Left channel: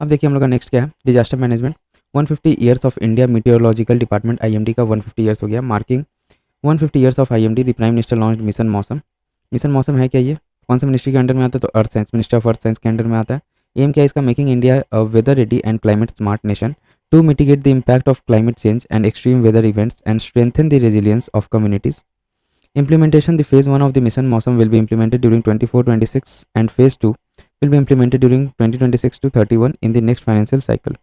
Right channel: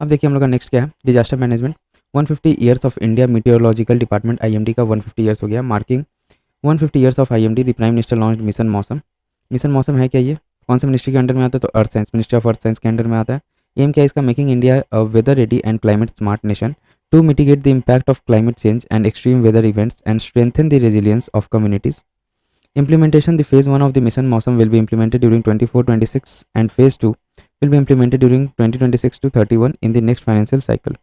अब देखिए हम लोग का नेक्स्ट क्या है, disaster management. 150 years of India meteorological department IMD का 150 ईयर्स हो गया, marking 150 years of IMD. The prime minister launch mission मौसम। मिशन मौसम है क्या, ये कौन से मिनिस्ट्री के अंडर में आता है, तो earth science, ministry of earth science के अंडर में आता है। एम क्या है इसका, making India a weather ready and climate smart nation to mitigate the impact of climate change and extreme weather events and strengthen the resilience of communities. Implementation: the phase 1 of the mission Mausam will be implemented during 24-26 and phase 2 will be implemented during 2026 to 31 in the next financial cycle.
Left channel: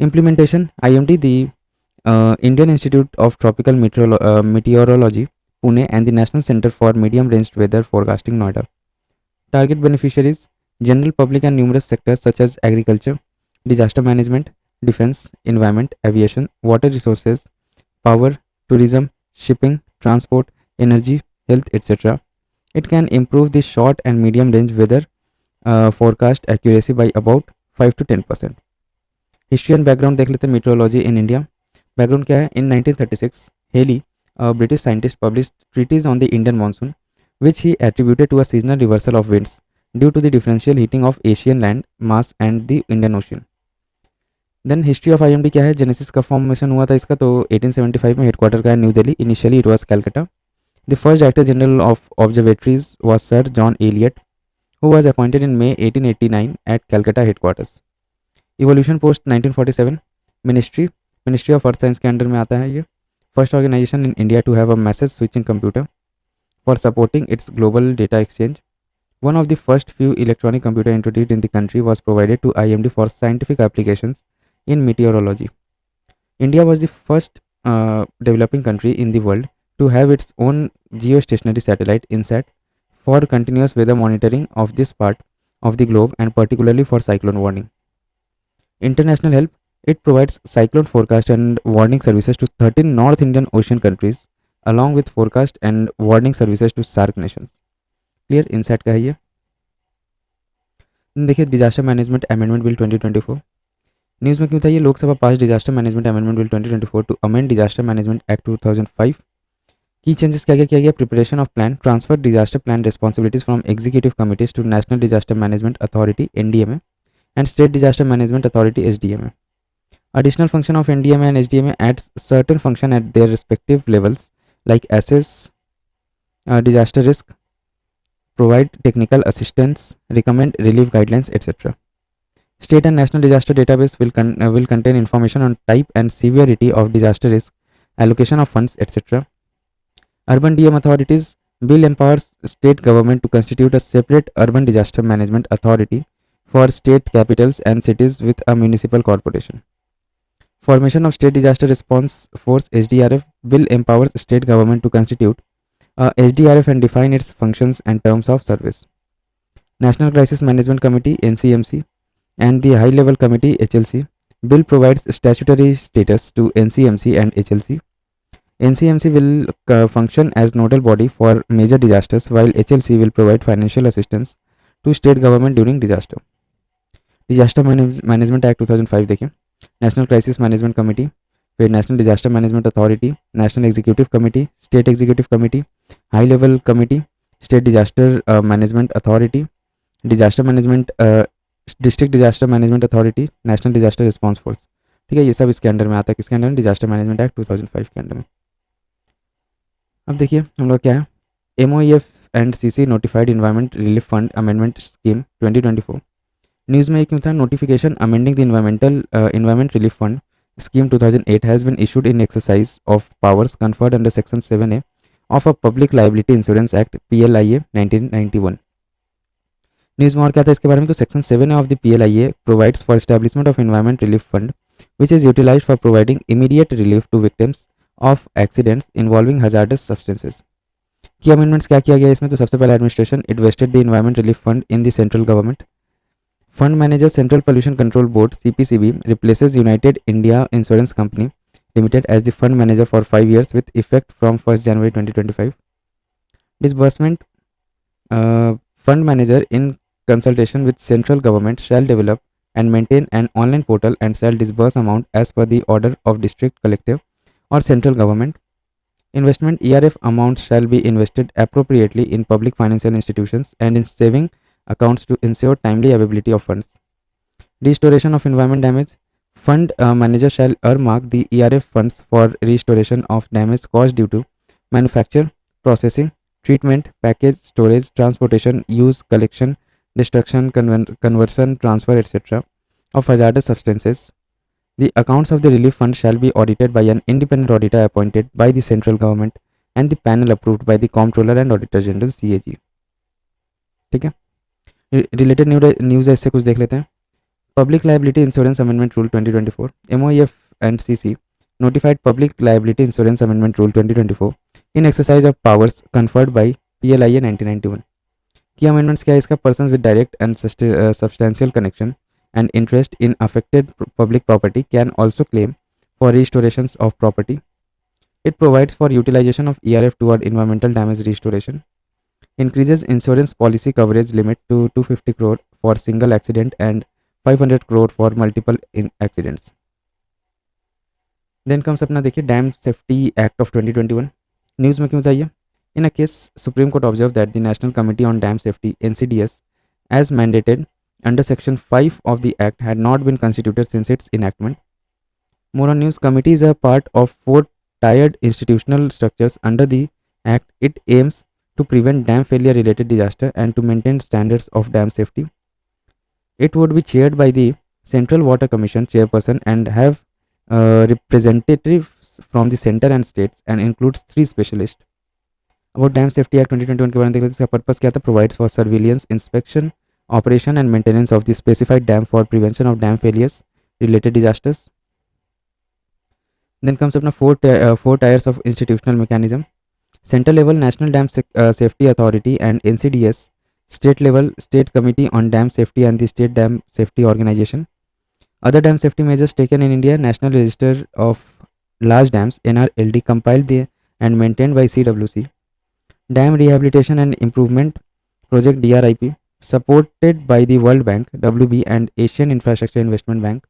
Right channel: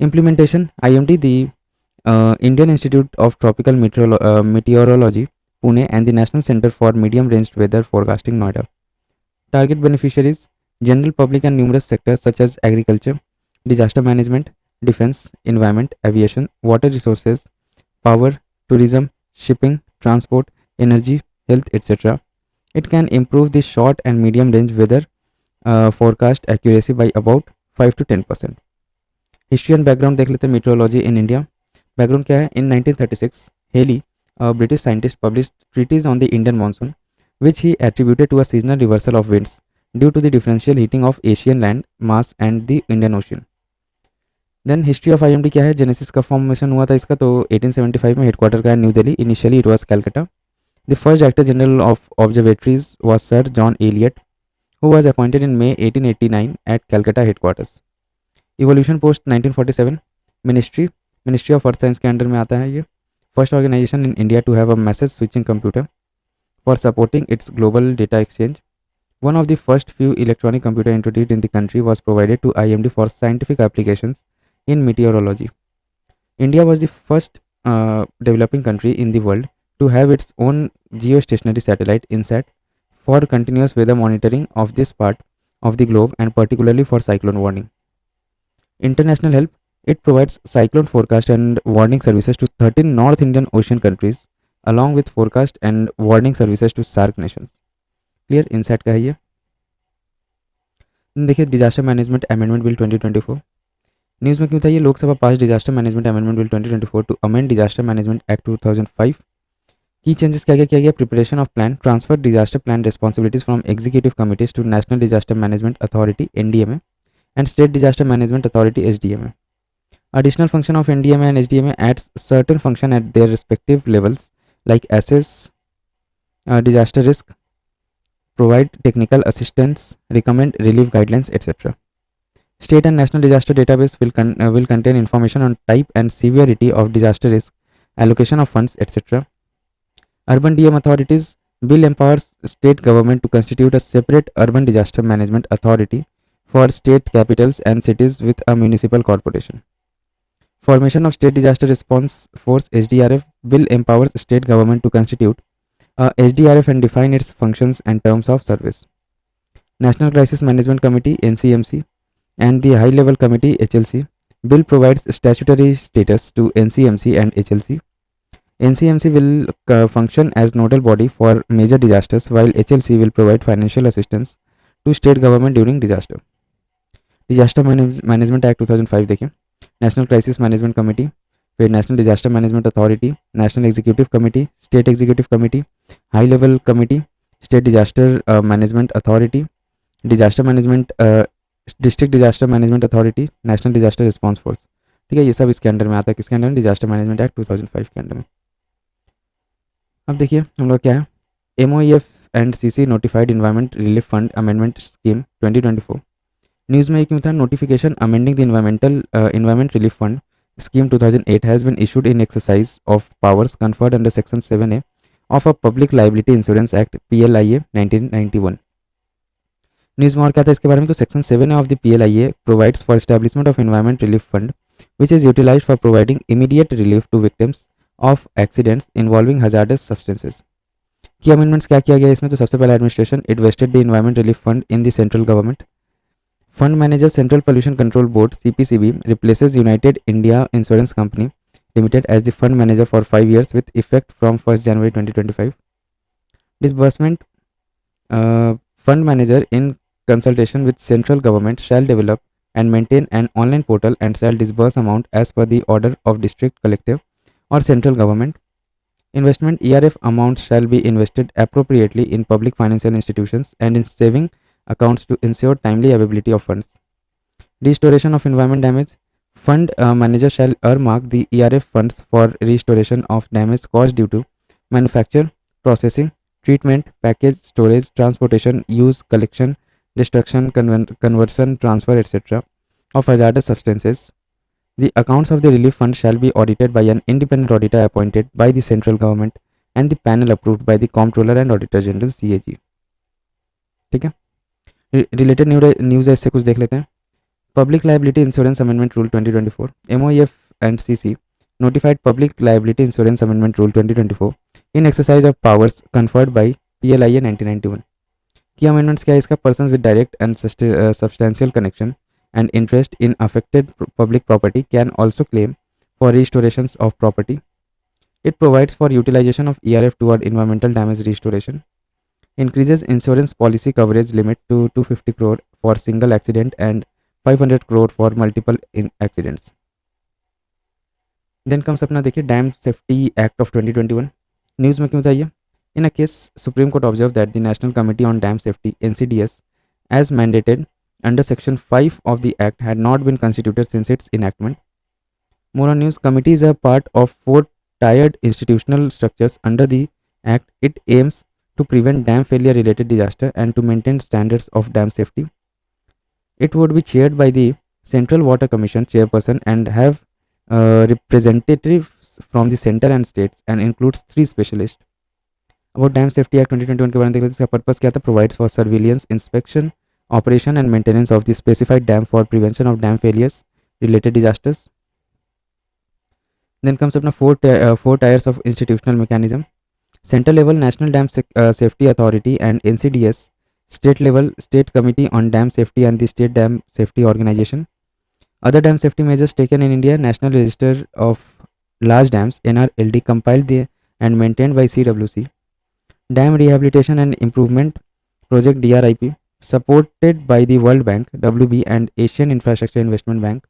Implementation: IMD, the Indian Institute of Tropical Meteorology, Pune, and the National Center for Medium Range Weather Forecasting, Noida. Target beneficiaries: general public and numerous sectors such as agriculture, disaster management, defense, environment, aviation, water resources, power, tourism, shipping, transport, energy, health, etc. It can improve the short and medium range weather forecast accuracy by about 5 to 10%. History and background देख लेते हैं meteorology in India. Background क्या है, in 1936 Halley, British scientist, publish treatise on the Indian monsoon which he attributed to a seasonal reversal of winds due to the differential heating of Asian land mass and the Indian Ocean. Then history of IMD क्या है, genesis कब formation हुआ था इसका, तो 1875 में, headquarter का new Delhi, initially it was Calcutta. The first director general of observatories was sir John Eliot who was appointed in May 1889 at Calcutta headquarters. Evolution post 1947, ministry of earth science के अंडर में आता है ये। First organization in India to have a message switching computer for supporting its global data exchange. One of the first few electronic computer introduced in the country was provided to IMD for scientific applications in meteorology. India was the first developing country in the world to have its own geostationary satellite INSAT for continuous weather monitoring of this part of the globe and particularly for cyclone warning. International help: it provides cyclone forecast and warning services to 13 North Indian Ocean countries along with forecast and warning services to SAARC nations. Clear, INSAT का है ये। देखिए disaster management amendment bill 2024 news में क्यों था ये, Lok Sabha pass disaster management amendment bill 2024 to amend disaster management act 2005। की changes क्या क्या किया गया, preparation of plan, transfer disaster plan responsibilities from executive committees to national disaster management authority NDMA and state disaster management authority SDMA। Additional function of NDMA and SDMA adds certain function at their respective levels like assess disaster risk, provide technical assistance, recommend relief guidelines, etc. State and national disaster database will contain information on type and severity of disaster risk, allocation of funds, etc. Urban DM authorities bill empowers state government to constitute a separate urban disaster management authority for state capitals and cities with a municipal corporation. Formation of State Disaster Response Force SDRF bill empowers state government to constitute SDRF and define its functions and terms of service. National Crisis Management Committee NCMC and the High Level Committee HLC bill provides statutory status to NCMC and HLC. NCMC will function as nodal body for major disasters while HLC will provide financial assistance to state government during disaster. Disaster Management Act 2005 देखें, national crisis management committee, फिर national disaster management authority, national executive committee, state executive committee, high level committee, state disaster management authority, disaster management, district disaster management authority, national disaster response force. ठीक है, ये सब इसके under में आता है, किसके अंडर में, डिजास्टर मैनेजमेंट एक्ट 2005 के अंडर में। अब देखिए हम लोग क्या है, MOEF and CC notified environment relief fund amendment scheme 2024। News में क्यों था, notification amending the environment relief fund scheme 2008 has been issued in exercise of powers conferred under section 7A of a public liability insurance act PLIA 1991। News में और क्या था इसके बारे में, तो section 7A of the PLIA provides for establishment of environment relief fund which is utilized for providing immediate relief to victims of accidents involving hazardous substances। की amendments क्या किया गया इसमें, तो सबसे पहले administration invested the environment relief fund in the central government। Fund manager Central Pollution Control Board CPCB replaces United India Insurance Company Limited as the fund manager for 5 years with effect from 1st January 2025. Disbursement: fund manager in consultation with central government shall develop and maintain an online portal and shall disburse amount as per the order of district collective or central government. Investment: ERF amounts shall be invested appropriately in public financial institutions and in saving accounts to ensure timely availability of funds. Restoration of environment damage. Fund manager shall earmark the ERF funds for restoration of damage caused due to manufacture, processing, treatment, package, storage, transportation, use, collection, destruction, conversion, transfer, etc. of hazardous substances. The accounts of the relief fund shall be audited by an independent auditor appointed by the central government and the panel approved by the Comptroller and Auditor General CAG. ठीक है, related news ऐसे कुछ देख लेते हैं. Public Liability Insurance Amendment Rule 2024, MOEF and CC notified Public Liability Insurance Amendment Rule 2024 in exercise of powers conferred by PLIA 1991. Key amendments क्या है इसका? Persons with direct and substantial connection and interest in affected public property can also claim for restorations of property. It provides for utilization of ERF toward environmental damage restoration. Increases insurance policy coverage limit to 250 crore for single accident and 500 crore for multiple accidents. Then comes अपना देखिए Dam Safety Act of 2021. News में क्यों चाहिए? In a case, Supreme Court observed that the National Committee on Dam Safety (NCDS), as mandated under Section 5 of the Act, had not been constituted since its enactment. More on news. Committee is a part of 4 tiered institutional structures under the Act. It aims to prevent dam failure related disaster and to maintain standards of dam safety. It would be chaired by the Central Water Commission chairperson and have representatives from the center and states and includes 3 specialists. About Dam Safety Act 2021 के बारे में देखते हैं. इसका purpose क्या था? Provides for surveillance, inspection, operation and maintenance of the specified dam for prevention of dam failures related disasters. Then comes अपना 4 tiers of institutional mechanism. Central level National Dam Safety Authority and NCDS. State level State Committee on Dam Safety and the State Dam Safety Organization. Other dam safety measures taken in India: National Register of Large Dams (NRLD) compiled and maintained by CWC. Dam Rehabilitation and Improvement Project (DRIP) supported by the World Bank (WB) and Asian Infrastructure Investment Bank.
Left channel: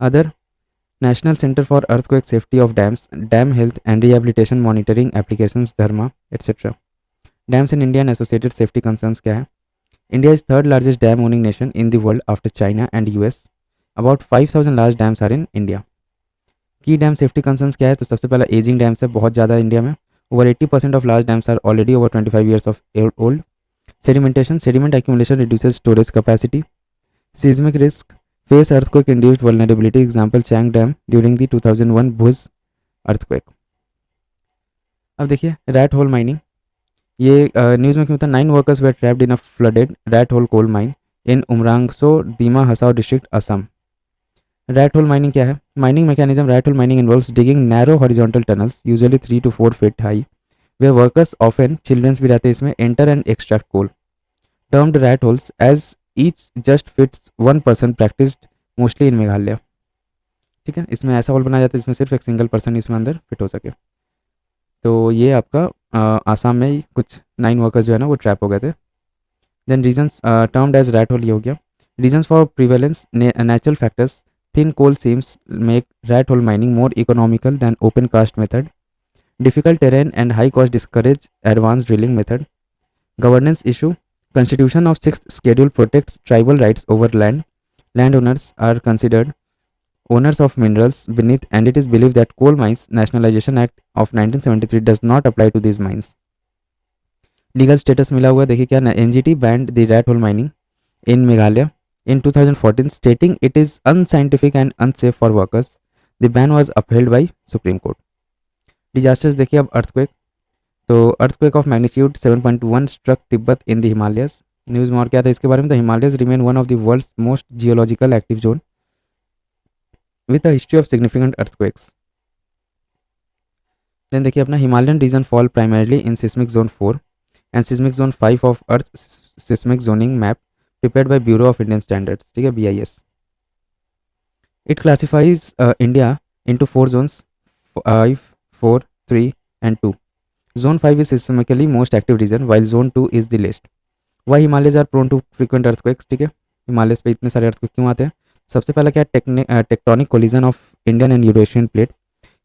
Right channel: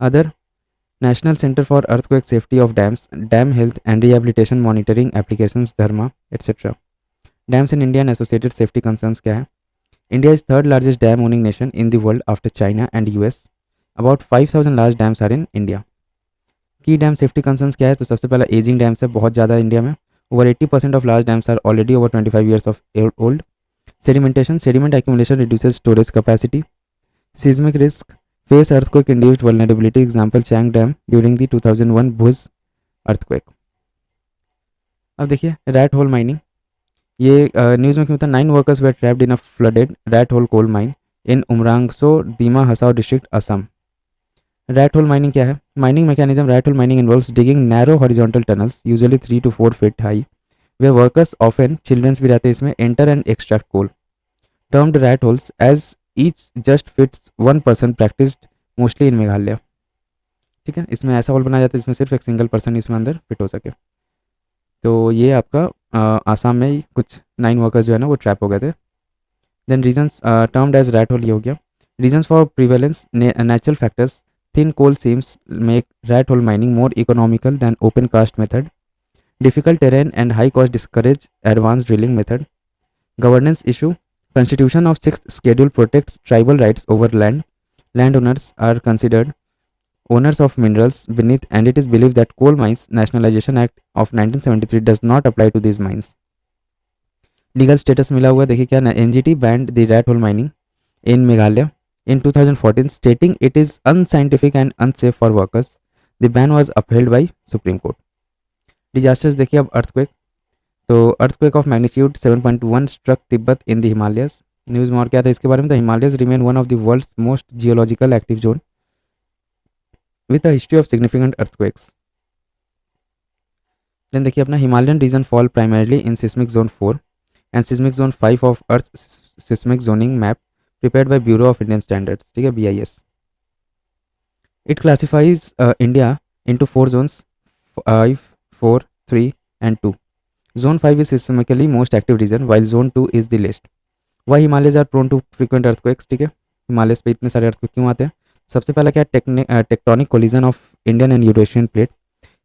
Other: National Center for Earthquake Safety of Dams, Dam Health and Rehabilitation Monitoring Applications (Dharma), etc. Dams in India and associated safety concerns क्या है? India is third largest dam owning nation in the world after China and US. About 5,000 large dams are in India. Key dam safety concerns क्या है? तो सबसे पहला ageing dams है, बहुत ज़्यादा इंडिया में. Over 80% of large dams are already over 25 years of old. Sedimentation, sediment accumulation reduces storage capacity. Seismic risk, face earthquake induced vulnerability. Example Chang Dam during the 2001 Bhuj earthquake. अब देखिए rat hole mining. ये news में क्यों था? 9 workers were trapped in a flooded rat hole coal mine in Umrangso, Dima Hasao district, Assam. Rat hole mining क्या है? Mining mechanism. Rat hole mining involves digging narrow horizontal tunnels, usually 3 to 4 feet high, where workers, often children भी रहते हैं इसमें, enter and extract coal. Termed rat holes, as each just fits one person, practiced mostly in Meghalaya. ठीक है, इसमें ऐसा whole बनाया जाता है जिसमें सिर्फ एक सिंगल पर्सन इसमें अंदर फिट हो सके. तो ये आपका आसाम में ही कुछ 9 वर्कर्स जो है ना वो ट्रैप हो गए थे. Then reasons termed as rat hole, ये हो गया. Reasons for prevalence, natural factors. Thin coal seams make rat hole mining more economical than open cast method. Difficult terrain and high cost discourage advanced drilling method. Governance issue. Constitution of 6th schedule protects tribal rights over land. Landowners are considered owners of minerals beneath, and it is believed that Coal Mines Nationalization Act of 1973 does not apply to these mines. Legal status मिला हुआ देखिए क्या ना. NGT banned the rat hole mining in Meghalaya in 2014, stating it is unscientific and unsafe for workers. The ban was upheld by Supreme Court. Disasters देखिए अब earthquake. तो earthquake of magnitude 7.1 struck Tibet in the Himalayas. News में और क्या था इसके बारे में? The Himalayas remain one of the world's most geological active zone with a history of significant earthquakes. Then देखिए अपना Himalayan region fall primarily in seismic zone 4 and seismic zone 5 of Earth's seismic zoning map prepared by Bureau of Indian Standards, ठीक है, BIS. It classifies India into 4 zones: 5, 4, 3 and 2. Zone 5 is seismically most active region while zone 2 is the least. Why Himalayas are prone to frequent earthquakes? ठीक है, Himalayas पे इतने सारे earthquake क्यों आते हैं? सबसे पहला क्या है? Tectonic collision of Indian and Eurasian plate.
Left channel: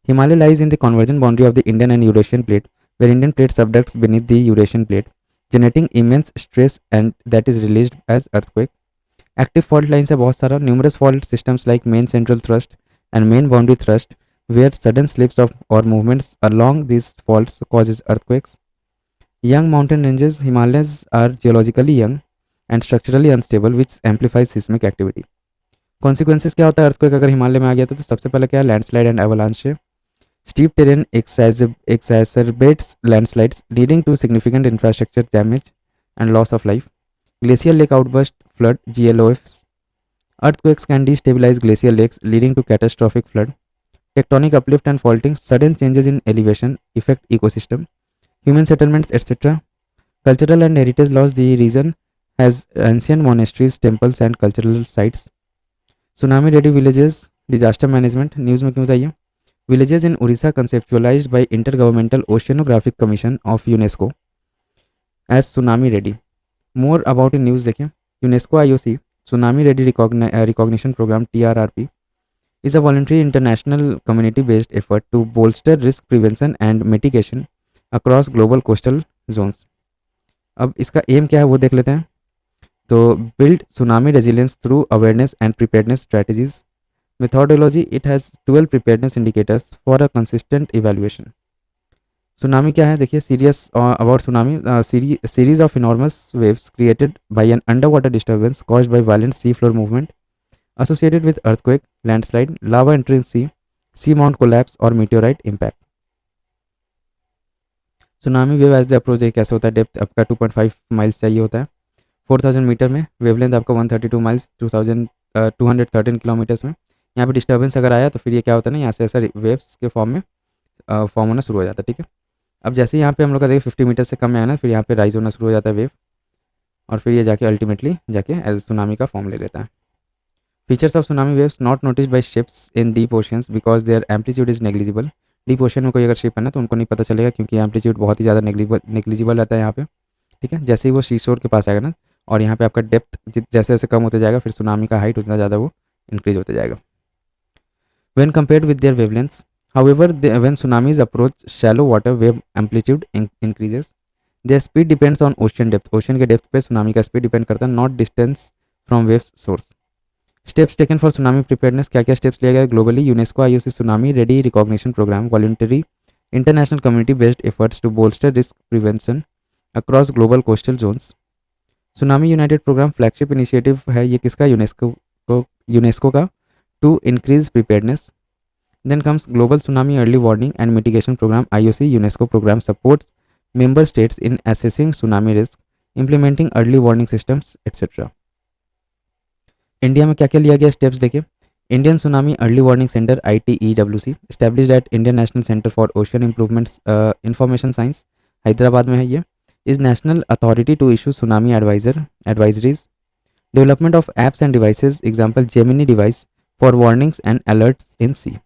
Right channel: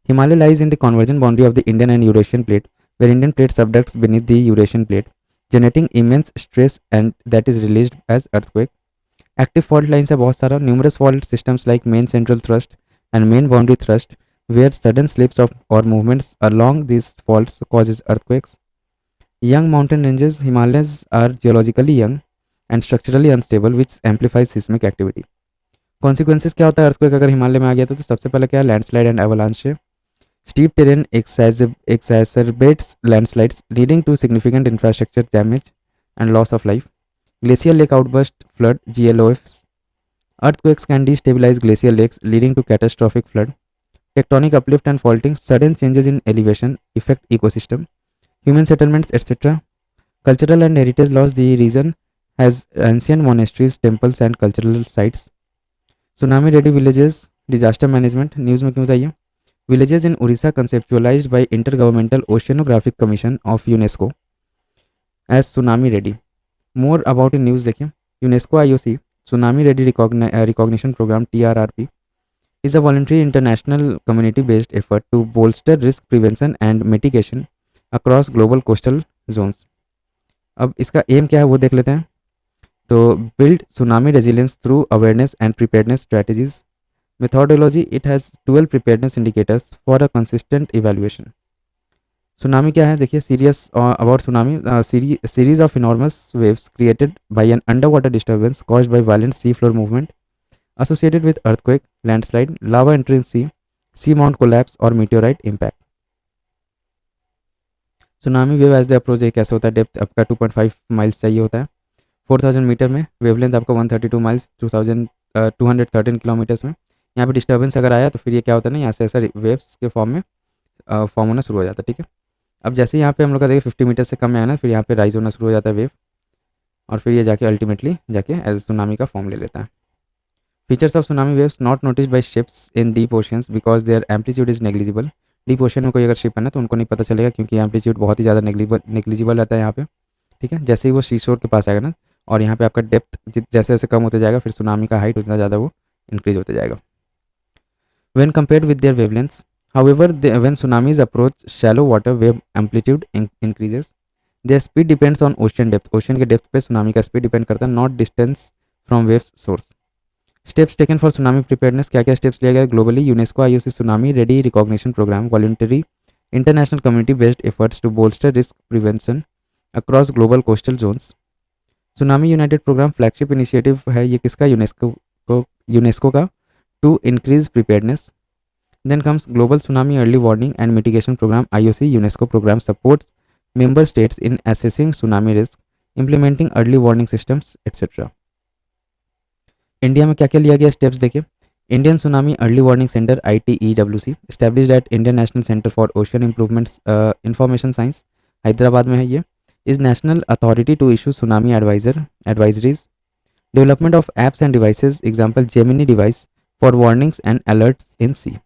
Himalaya lies in the convergent boundary of the Indian and Eurasian plate, where Indian plate subducts beneath the Eurasian plate, generating immense stress and that is released as earthquake. Active fault lines है बहुत सारा, numerous fault systems like main central thrust and main boundary thrust where sudden slips of or movements along these faults causes earthquakes. Young mountain ranges, Himalayas are geologically young and structurally unstable, which amplifies seismic activity. Consequences क्या होता है earthquake अगर हिमालय में आ गया तो सबसे पहले क्या है, landslide and avalanche. Steep terrain exacerbates landslides, leading to significant infrastructure damage and loss of life. Glacial lake outburst, flood, GLOFs. Earthquakes can destabilize glacial lakes, leading to catastrophic flood. Tectonic uplift and faulting, sudden changes in elevation affect ecosystem, human settlements, etc. Cultural and heritage loss, the region has ancient monasteries, temples and cultural sites. Tsunami ready villages, disaster management, news में क्यों बताइए. Villages in Orissa conceptualized by Intergovernmental Oceanographic Commission of UNESCO as tsunami ready. More about in news देखिए. UNESCO IOC Tsunami Ready Recognition Program TRRP is a voluntary international community-based effort to bolster risk prevention and mitigation across global coastal zones. अब इसका M क्या है वो देख लेते हैं. तो build tsunami resilience through awareness and preparedness strategies. Methodology, it has 12 preparedness indicators for a consistent evaluation. Tsunami क्या है देखिए. Serious about tsunami, series of enormous waves created by an underwater disturbance caused by violent seafloor movement associated with earthquake, landslide, lava entry in sea mount collapse or meteorite impact. Tsunami wave as the approach कैसे होता है. Depth आपका 2.5 miles चाहिए होता है 4000 metre में. Wavelength आपका 132 miles 2213 kilometres में. यहाँ पे डिस्टर्बेंस अगर आया तो फिर ये क्या होता है ना, यहाँ से ऐसा वेव्स के फॉर्म में फॉर्म होना शुरू हो जाता है. ठीक है. अब जैसे यहाँ पे हम लोग का देखिए 50 मीटर से कम में आया ना, फिर यहाँ पे राइज होना शुरू हो जाता है वेव, और फिर ये जाके अल्टीमेटली जाके एज सुनामी का फॉर्म ले लेता है. Features of tsunami waves not noticed by ships in deep oceans because their amplitude is negligible. Deep ocean में कोई अगर शिप है ना तो उनको नहीं पता चलेगा क्योंकि एम्पलीट्यूड बहुत ही ज़्यादा नेग्लिजिबल रहता है यहाँ पे. ठीक है. जैसे ही वो सी शोर के पास आएगा ना, और यहाँ पे आपका डेप्थ जैसे जैसे कम होते जाएगा, फिर सुनामी का हाइट उतना ज़्यादा वो इंक्रीज होते जाएगा. When compared with their wavelengths, however, when tsunamis approach shallow water, wave amplitude increases. Their speed depends on ocean depth. Ocean के depth पे tsunami का speed depend करता है, not distance from waves source. Steps taken for tsunami preparedness. क्या क्या steps लिए गए globally? UNESCO IOC Tsunami Ready Recognition Program, voluntary international community-based efforts to bolster risk prevention across global coastal zones. Tsunami United Program flagship initiative है ये किसका? UNESCO का to increase preparedness. Then comes Global Tsunami Early Warning and Mitigation Program. IOC UNESCO program supports member states in assessing tsunami risk, implementing early warning systems, etc. India में क्या क्या लिया गया steps देखिए. Indian tsunami early warning centre ITEWC established at Indian National Center for Ocean Improvements Information Science, Hyderabad में है ये. is national authority to issue tsunami advisories. Development of apps and devices, example Gemini device for warnings and alerts in sea.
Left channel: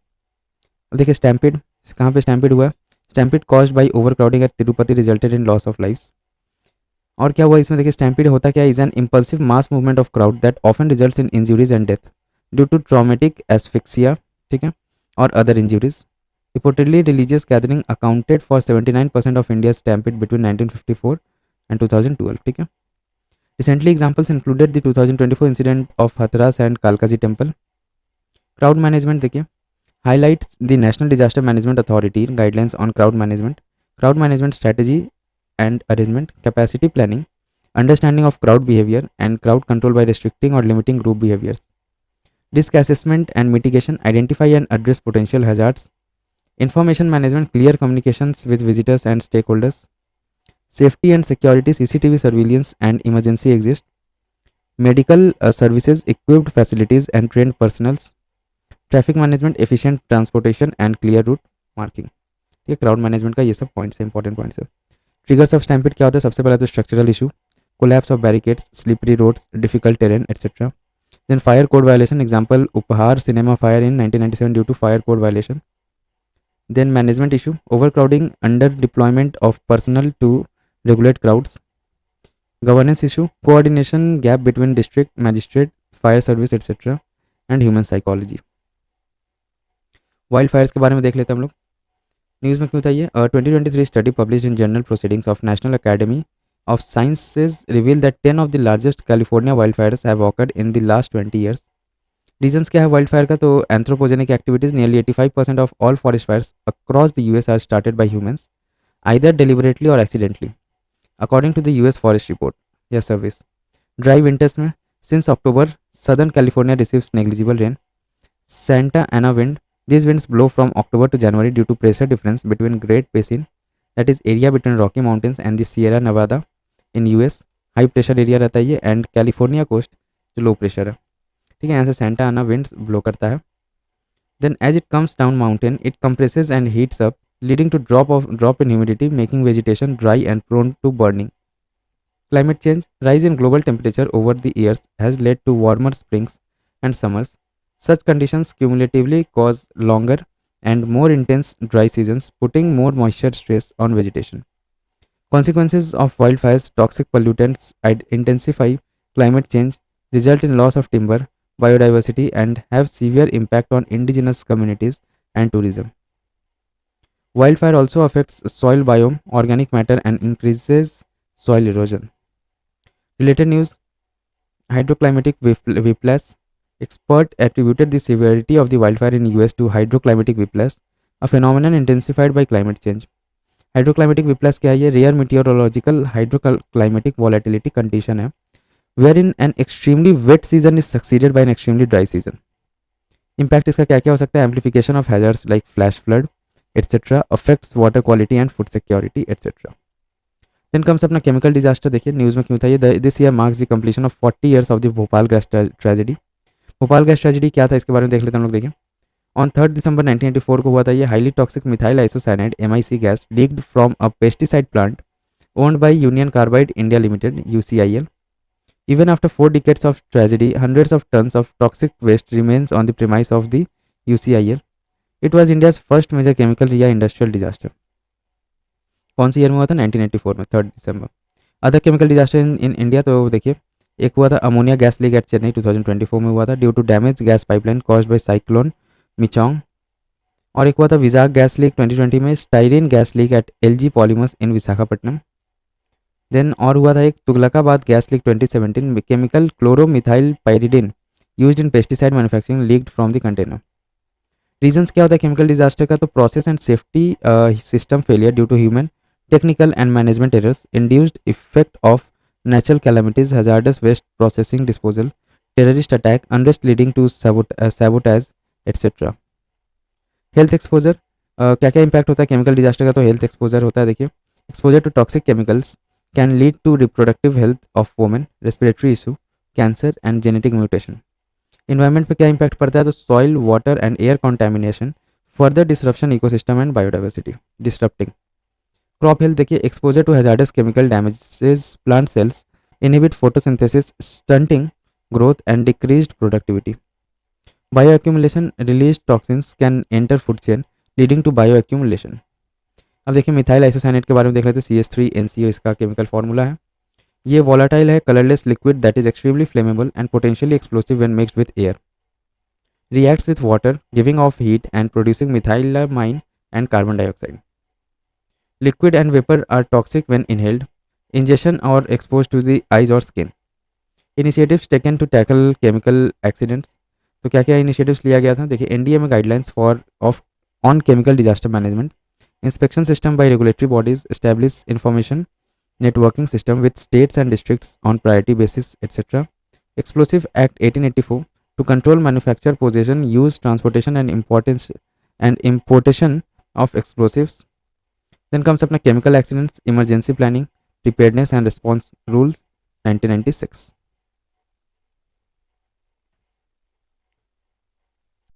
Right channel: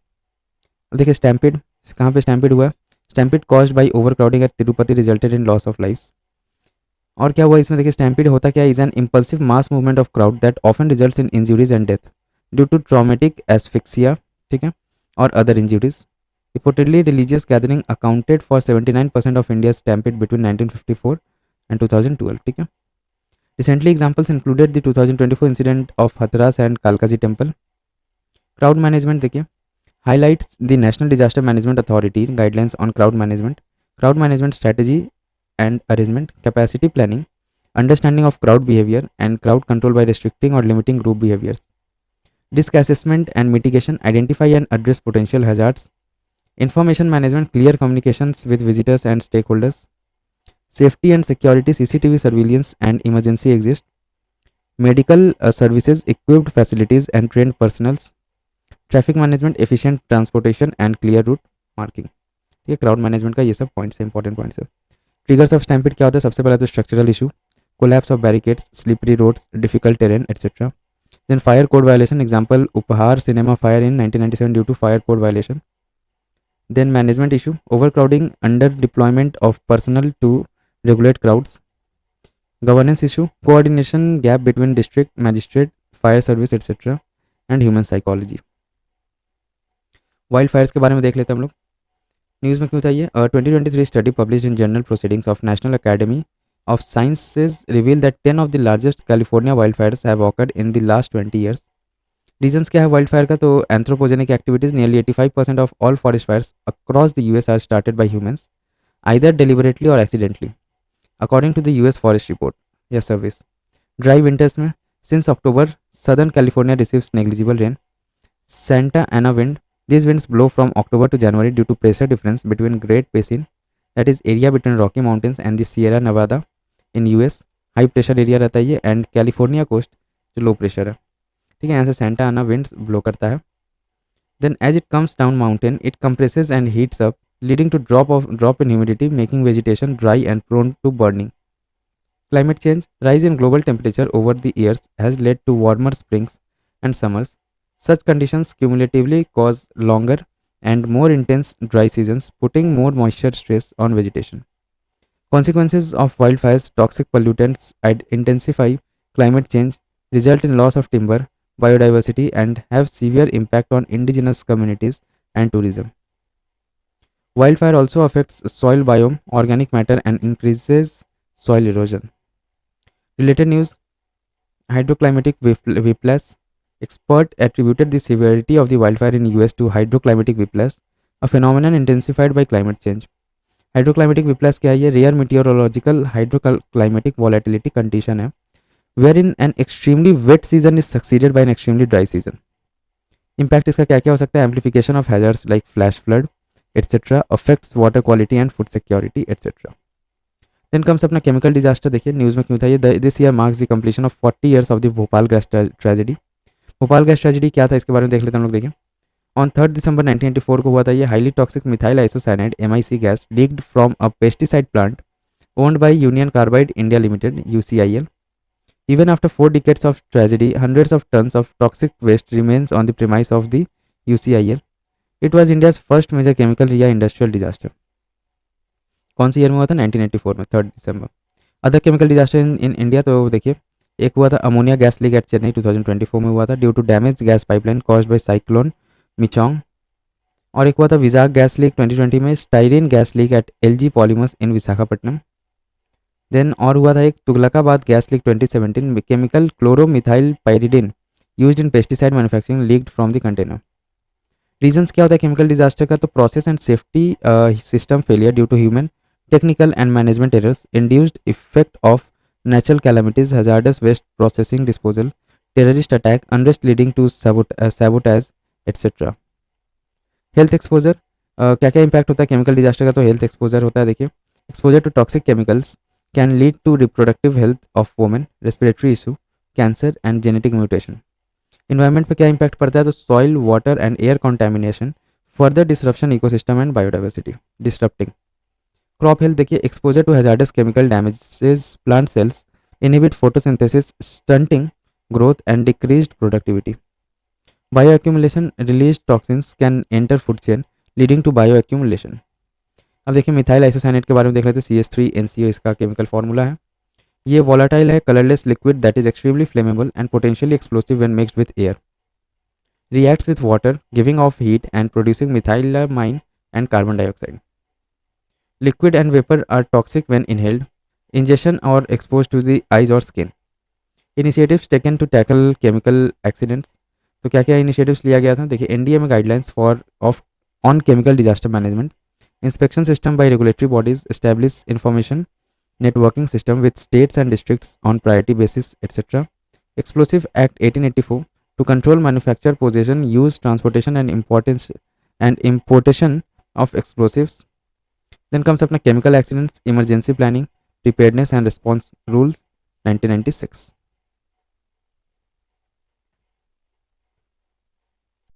देखिए स्टैम्पिड कहाँ पे stampede हुआ. Stampede caused by overcrowding at Tirupati resulted in loss of lifes. और क्या हुआ इसमें देखिए. Stampede होता क्या, is an impulsive mass movement of crowd that often results in injuries and death due to traumatic asphyxia. ठीक है. और other injuries. Reportedly religious gathering accounted for 79% of India stampede between 1954 and 2012. ठीक है. Recently examples included the 2024 incident of Hathras and Kalkaji temple. Crowd management देखिए. highlights the National Disaster Management Authority guidelines on crowd management strategy and arrangement, capacity planning, understanding of crowd behavior, and crowd control by restricting or limiting group behaviors. Risk assessment and mitigation, identify and address potential hazards. Information management, clear communications with visitors and stakeholders. Safety and security, CCTV surveillance and emergency exist. Medical services, equipped facilities and trained personals. Traffic management, efficient transportation and clear route marking. ये crowd management का ये सब points है, important points है. Triggers of stampede क्या होता है. सबसे पहले तो structural issue, collapse of barricades, slippery roads, difficult terrain etcetera. Then fire code violation, example Uphaar cinema fire in 1997 due to fire code violation. Then management issue, overcrowding, under deployment of personal to regulate crowds. Governance issue, coordination gap between district magistrate, fire service etcetera. And human psychology. Wild Fyers के बारे में देख लेते हैं हम लोग. News में क्यों चाहिए. 2023 study publish in journal proceedings of national academy of Sciences reveal that 10 of the largest California wildfires have occurred in the last 20 years. Reasons क्या है वाइल्ड फायर का? तो anthropogenic activities, nearly 85% of all forest fires across the US are started by humans either deliberately or accidentally, according to the US forest report या service. Dry winters में since October southern California receives negligible rain. Santa Ana wind. These winds blow from October to January due to pressure difference between Great Basin, that is area between Rocky Mountains and the Sierra Nevada in US. High pressure area रहता है ये, and California coast जो low pressure है. ठीक है, यहाँ से Santa आना विंड्स ब्लो करता है. Then as it comes down mountain it compresses and heats up, leading to drop in humidity, making vegetation dry and prone to burning. Climate change. Rise in global temperature over the years has led to warmer springs and summers. Such conditions cumulatively cause longer and more intense dry seasons, putting more moisture stress on vegetation. Consequences of wildfires, toxic pollutants, and intensify climate change result in loss of timber, biodiversity, and have severe impact on indigenous communities and tourism. Wildfire also affects soil biome, organic matter, and increases soil erosion. Related news. Hydroclimatic whiplash. Expert attributed the severity of the wildfire in US to hydroclimatic whiplash, a phenomenon intensified by climate change. Hydroclimatic whiplash क्या है? ये rare meteorological hydroclimatic volatility condition है, wherein an extremely wet season is succeeded by an extremely dry season. Impact इसका क्या क्या हो सकता है? Amplification of hazards like flash flood, etc. Affects water quality and food security, etc. Then comes अपना chemical disaster. देखिए news में क्यों था ये. This year marks the completion of 40 years of the Bhopal gas tragedy. Bhopal gas tragedy क्या था इसके बारे में देख लेते हैं हम लोग. देखिए ऑन 3 दिसंबर 1984 को हुआ था ये. Highly toxic methyl isocyanide MIC gas leaked from a pesticide plant owned by union carbide India limited UCIL. Even after 4 decades of tragedy, hundreds of tons of toxic waste remains on the premise of the UCIL. It was India's first major chemical या industrial disaster. कौन सी year में हुआ था? 1984 में 3 दिसंबर. Other chemical disaster in India, तो देखिए एक हुआ था ammonia gas leak at Chennai 2024 में हुआ था due to damage gas pipeline caused by cyclone Michaung. और एक हुआ था विजाग गैस लीक 2020 में styrene gas leak at LG polymers in Visakhapatnam. Then और हुआ था एक तुगलकाबाद गैस लीक 2017 में chemical chloromethyl pyridine used in pesticide manufacturing leaked from the container. Reasons क्या होता है केमिकल डिजास्टर का? तो process and safety system failure due to human technical and management errors, induced effect of natural calamities, hazardous waste processing disposal, terrorist attack, unrest leading to sabotage, etc. Health exposure. क्या क्या impact होता है chemical disaster का? तो health exposure होता है. देखिए exposure to toxic chemicals can lead to reproductive health of women, respiratory issue, cancer and genetic mutation. Environment पर क्या इम्पैक्ट पड़ता है? तो soil, water and air contamination, further disruption ecosystem and biodiversity, disturbing. Crop health. देखिए exposure to hazardous chemical damages plant cells, inhibit photosynthesis, stunting growth and decreased productivity. Bio accumulation. Release toxins can enter food chain leading to bio accumulation. अब देखिए methyl isocyanate के बारे में देख लेते हैं. CH3NCO इसका केमिकल फॉर्मूला है. ये वोलाटाइल है, colourless liquid that is extremely flammable and potentially explosive when mixed with air. Reacts with water giving off heat and producing methylamine and carbon dioxide. Liquid and vapor are toxic when inhaled, ingestion or exposed to the eyes or skin. Initiatives taken to tackle chemical accidents. तो क्या क्या initiatives लिया गया था? देखिए NDA में guidelines for of on chemical disaster management, inspection system by regulatory bodies, establish information networking system with states and districts on priority basis, etcetera. Explosive act 1884 to control manufacture, possession, use, transportation and importation of explosives. Then comes अपना chemical accidents, emergency planning, preparedness and response rules 1996.